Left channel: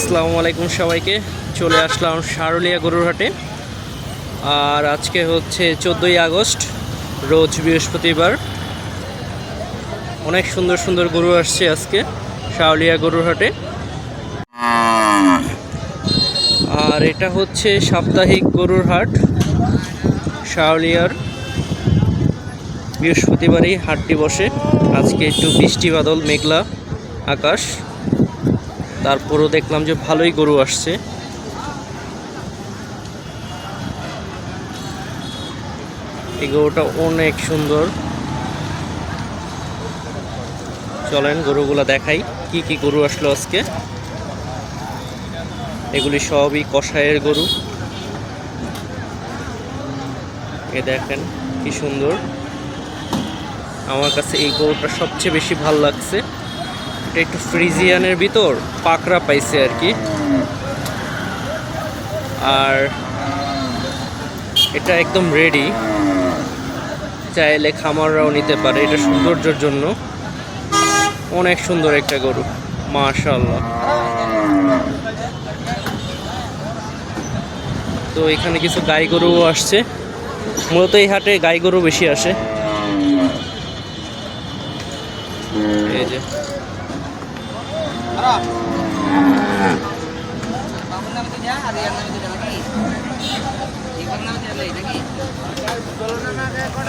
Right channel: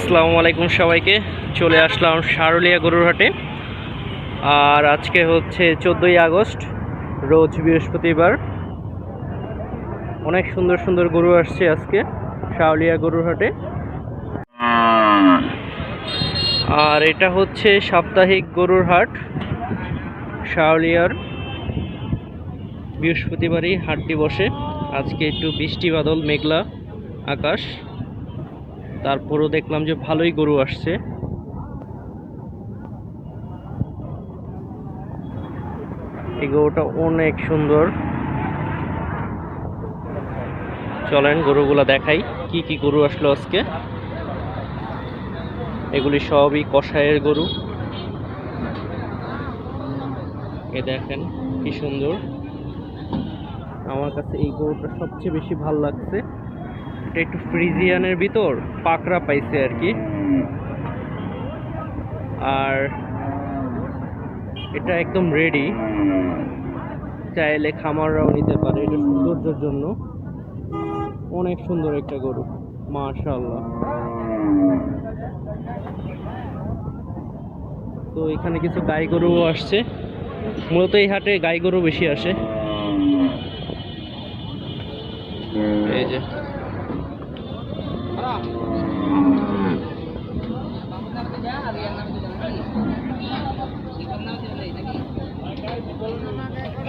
আসসালামু আলাইকুম সবাইকে। চলে আসলাম সারুলিয়া গরুর হাটে। আর আজকে হচ্ছে 14ই আগস্ট, রোজ বৃহস্পতিবার। অনেক সুন্দর সুন্দর গরু আসছে আজকে সারুলিয়া গরুর হাটে। আর এটা হচ্ছে সাপ্তাহিক গরুর হাট। সারুলিয়ার বৃহস্পতিবারই হাটটি বসে। আজকে একটু বৃষ্টি বাদল, মেঘলা আকাশ, তারপরও দেখলাম যে ভালোই গরু আসছে। এই গরুটা অনেক সুন্দর। চলেন গরুগুলা দেখাই, কি কি গরু আসলো আজকে। এগুলি সবই কষায়ের গরু। এ দেখেন কি সুন্দর। আমার কাছে এই গরুটা সবচেয়ে বেশি ভালো লাগছে। এটা একটু ফ্রিজিয়ানের ভিতর পাকড়া পাইছে আর কি। আর এটা একদম রেডি, চাইলে খামাররাও নিতে পারে। এটা সৌন্দর্যের জন্য অনেক সুন্দর একটা গরু, মাশাআল্লাহ। তো এখানে কিছু গাই গরুও আসছে। মূলত এই হাটে গাই গরু বেশি আসে। এই যে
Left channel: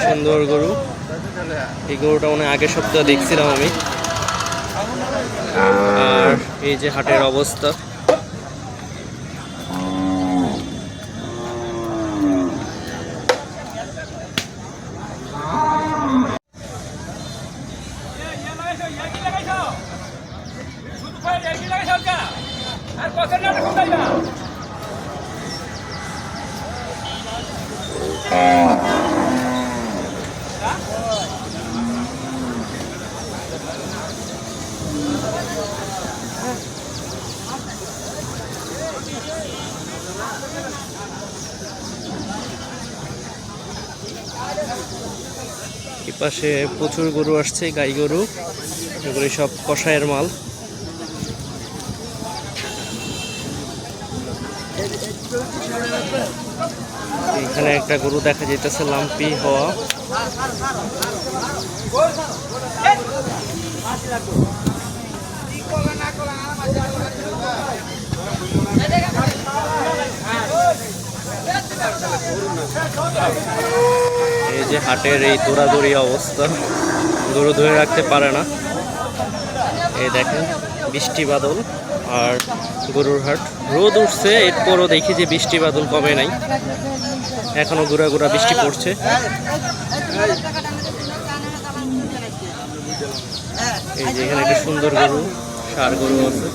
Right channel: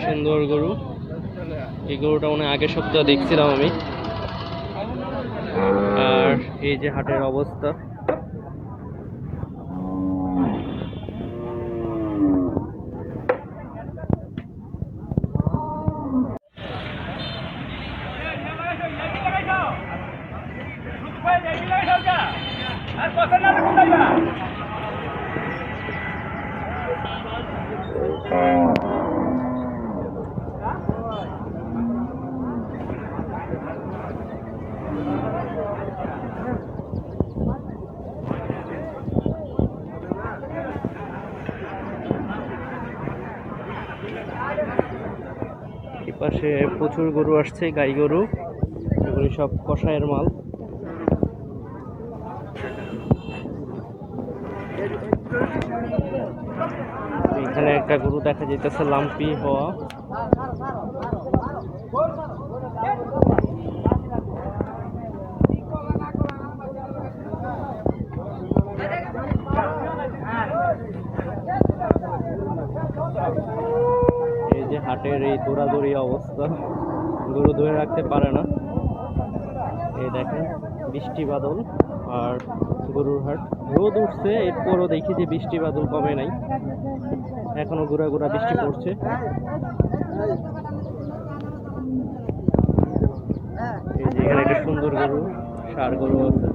সুন্দর গরু। এই গরুটা মানে আগের সপ্তাহে দেখছিলাম আমি। আর এই যে হাটের অবস্থা। পাশে প্রচুর গরু আসছে, গাই গরু। এগুলি সব কষায়ের মাল। এখানে একটা গরু দেখা যাইতেছে লাম্পি হওয়া। এই যে হাটের এই দৌড়াদৌড়ি অবস্থা, গরু ধরে রাখতে পারে না। এই দেখেন বৃষ্টি বাদল আর গরুর হাট। রোদ উঠছে, এরপরও দেখি যে বৃষ্টি বাদল কমে নাই, এখনো গুড়া গুড়া বৃষ্টি পড়ছে। এই যে এখানে একটা সুন্দর গরু, ষাঁড় গরু আছে।